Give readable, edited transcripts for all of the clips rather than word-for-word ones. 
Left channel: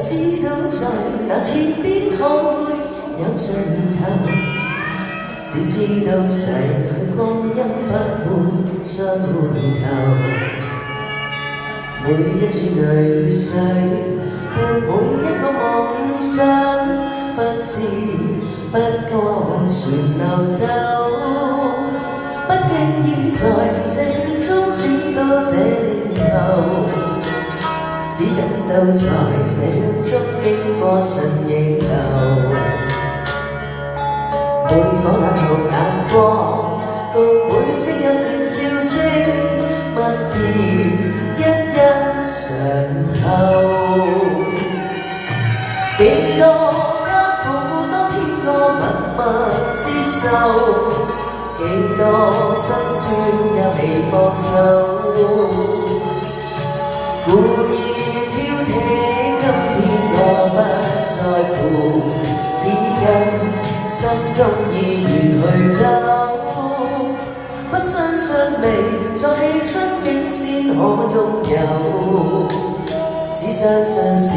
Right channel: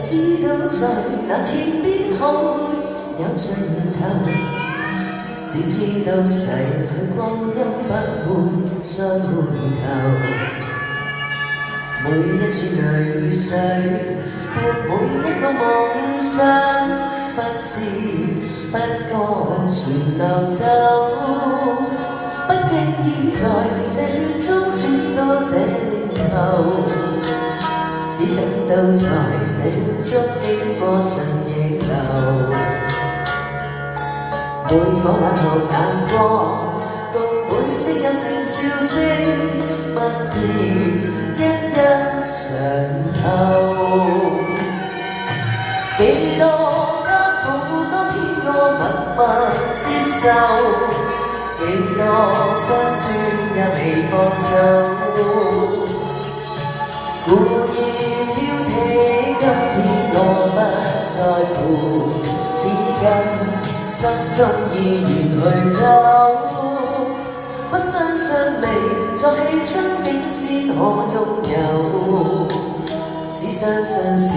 知道在那天邊可會有盡頭，只知道逝去光陰不會再回頭。每一次淚水，每一個夢想，不知不覺全流走，不經意在這圈中轉到這年頭，只真到在這圈中經過順逆流。每顆冷酷眼光，共每聲有聲笑聲，不變一一上透。幾多艱苦，當天我能不接受，幾多辛酸也未放手。故意挑剔，今天我不在乎，只因心中意願去走。不相信未再犧牲竟先可擁有，只相信時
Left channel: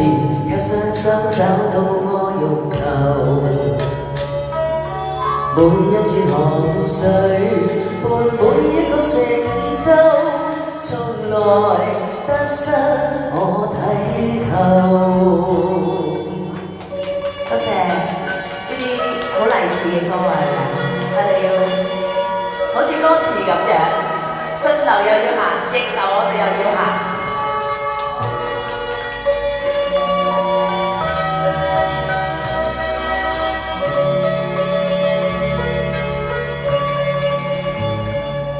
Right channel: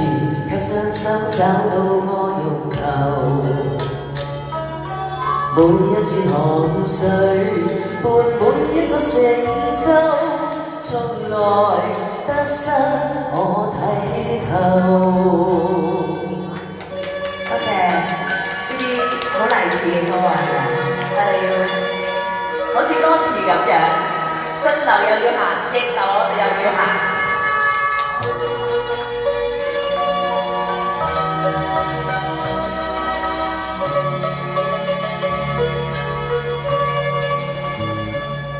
卻傷心找到我欲求。每一串汗水伴每一個成就，從來得失我睇透。多謝呢啲好勵志嘅歌啊！我哋要好似歌詞咁樣，順流又要行，逆流我哋又要行。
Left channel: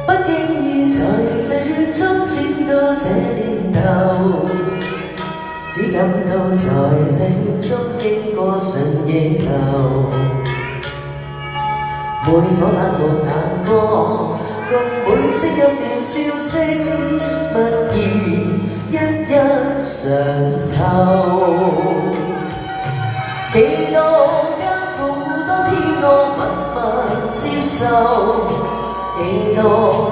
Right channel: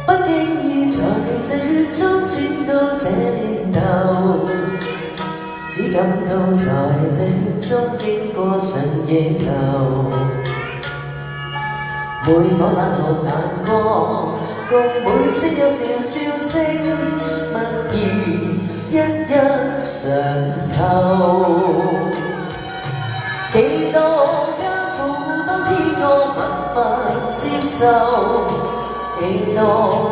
不經意在這圈中轉到這年頭，只感到在這圈中經過順逆流。每顆冷酷眼光，共每聲有善笑聲，默然一一上透。幾多艱苦，當天我默默接受，幾多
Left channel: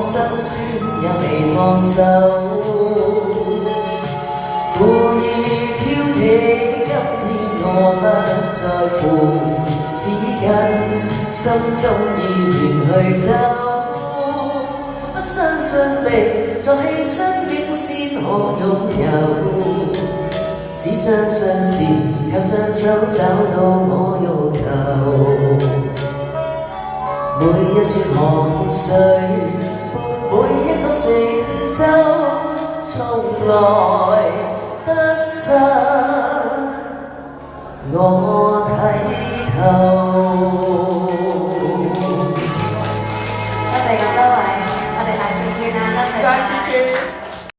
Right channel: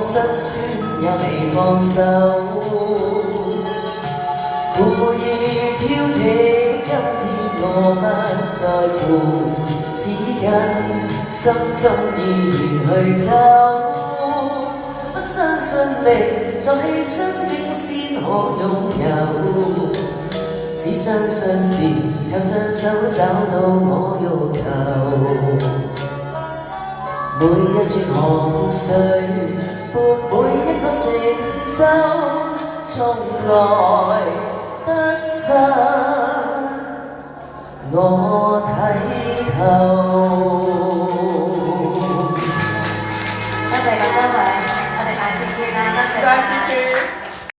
辛酸也未放手。故意挑剔，今天我不在乎，只因心中意願去走。不相信未再犧牲竟先可擁有，只相信時卻雙手找到我欲求。每一串汗水伴每一個成就，從來得失我睇透。